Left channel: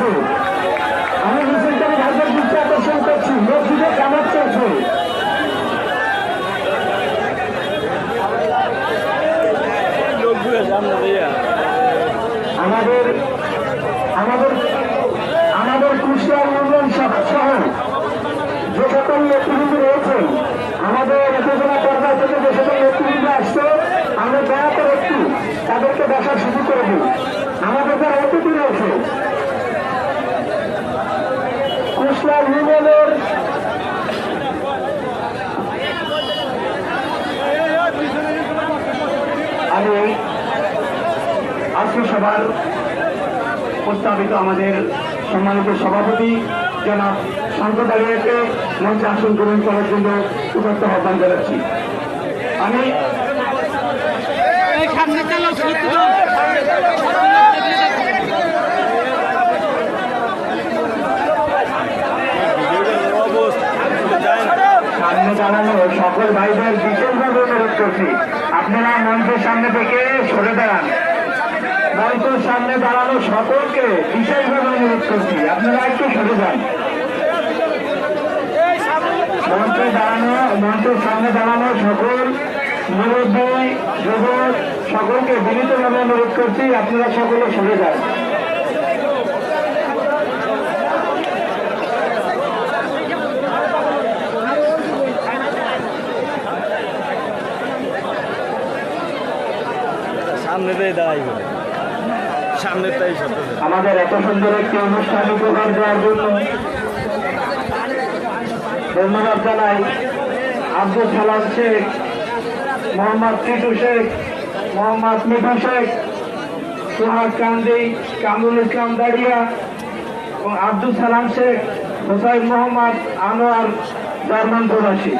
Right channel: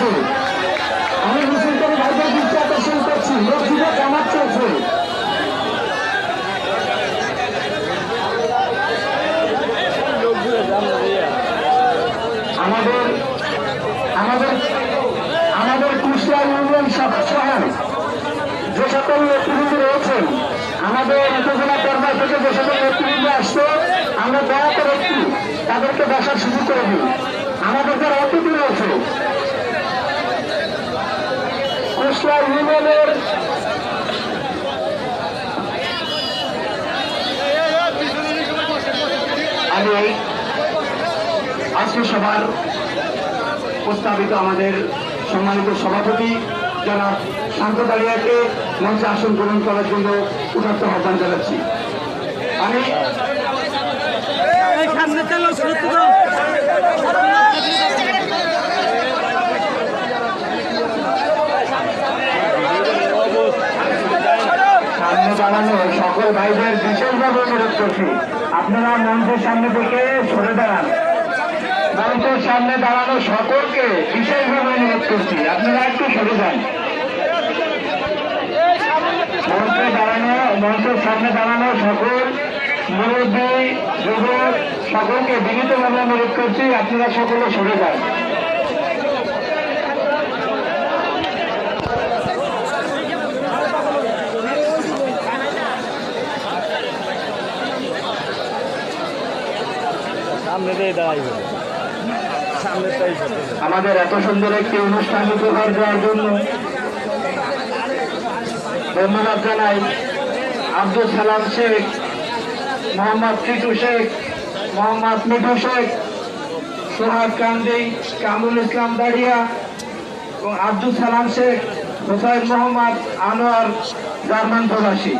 চলছে। আমি মিছিলকারী ভাইদের দৃষ্টি আকর্ষণ করছি, মসজিদে কামাত চলছে। আমাদের আমাদের আমাদের কুষ্টিয়া ইউনিয়ন সহ যে সকল নেতৃবৃন্দ রয়েছেন, আমাদের উপজেলা পর্যায় থেকে যে সকল নেতৃবৃন্দ আসছে, আমরা দয়া করে একটু তাদেরকে বসার সুযোগ করে দিই। আমাদের যারা অতিথি রয়েছে কুষ্টিয়া ইউনিয়নের আমি আজকে সবার প্রস্তাবিত আমাদের সম্মানিত সভাপতি যারা সাম্প্রদায়িককে মঞ্চে আসন গ্রহণ করার জন্য উদাত্ত আহ্বান জানাচ্ছি। আমি সামনে দাঁড়ানো সকল ভাইদের বিশেষভাবে অনুরোধ করছি, আপনারা মঞ্চের সামনে থেকে সরে দাঁড়ান। মঞ্চের সামনে দাঁড়ানো সকলকে বিশেষভাবে অনুরোধ করছি, আপনারা একটু সরে যান। মঞ্চের সামনে দাঁড়ানো সকল মুরব্বী যুবক সকলকে বিনীতভাবে অনুরোধ করছি, আপনারা সকলে সরে যান। আমাদের এত সুন্দর একটি অনুষ্ঠান উপহার দেওয়ার জন্য ধন্যবাদ জানাই আব্দুল সালাম শেখ, মোহাম্মদ টিটু শেখ, মোহাম্মদ মিঠু শেখ, সোহাগ কান্দি, কামরুল ইসলাম দাড়িয়া এবং আব্দুল সালাম শেখ, হোসাইন মোহাম্মদ আনোয়ার জার্মান প্রবাসী।